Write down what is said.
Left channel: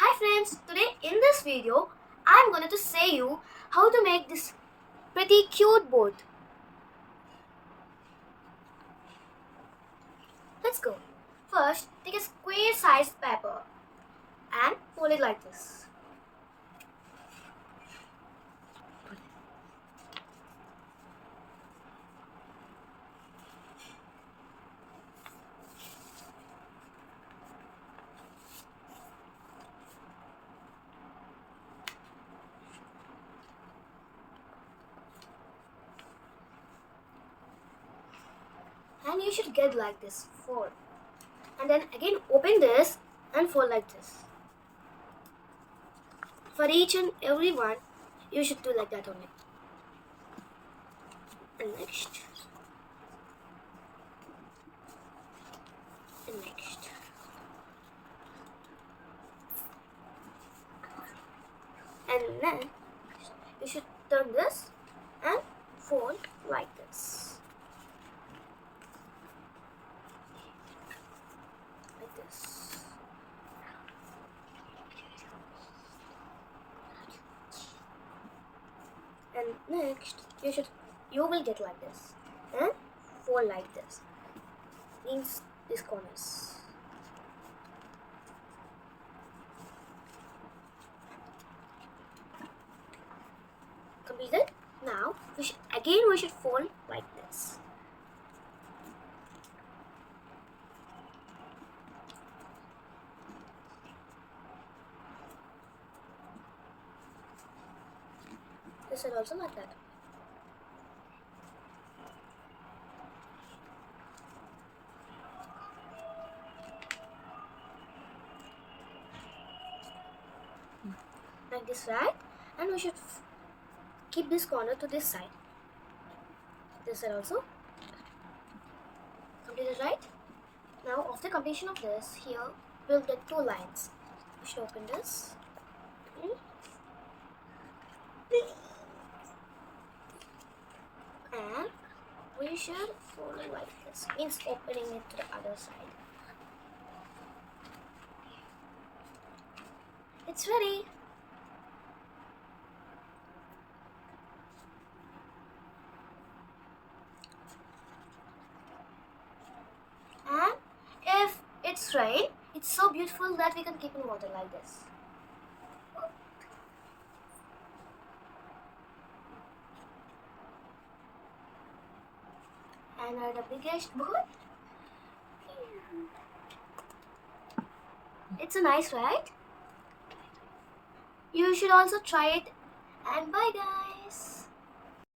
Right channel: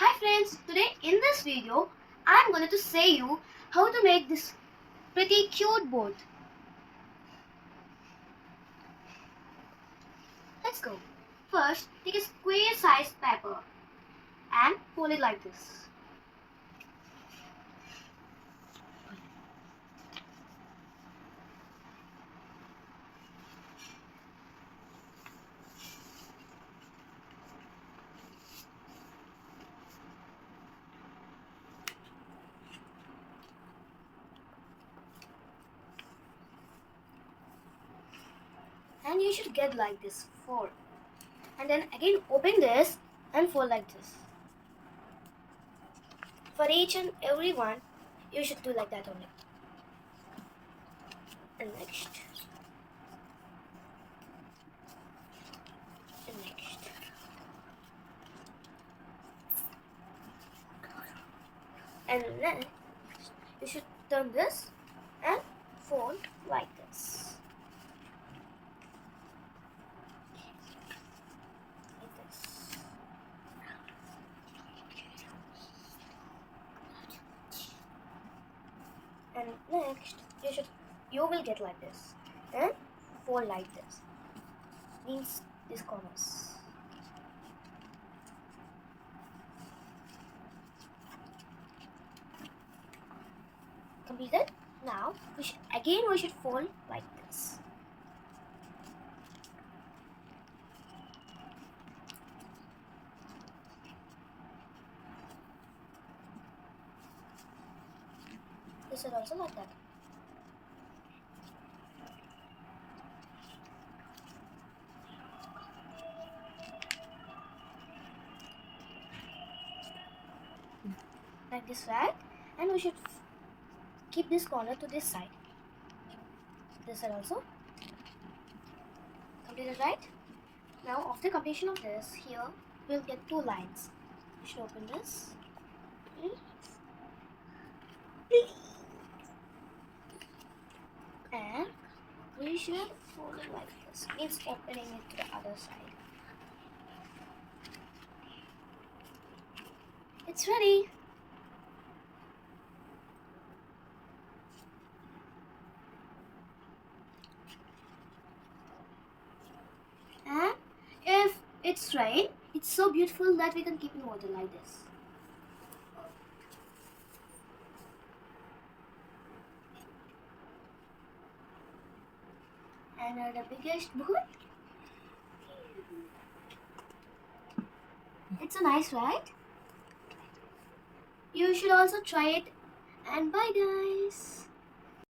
Hi friends, today in this video I'm going to say you how to make this pretty cute boat. Let's go. First, take a square sized paper and fold it like this. And you should get like this, fold. And then again open this and fold like this. For each and every one, you should do like that only. And next. And next. And then you should turn this and fold like this. Like this. And next you will get like this and fold like this. Means these corners. Completed. Now we should fold like this. This is also like that. Like this, right? And we should keep this corner to this side. This side also. Completed, right? Now after completion of this, here we'll get two lines. We should open this. And we should fold it like this. Means opening it to the other side. It's ready. And if it's rain, it's so beautiful that we can keep in water like this. And the biggest boat. It's a nice ride. You should also try it. And bye guys.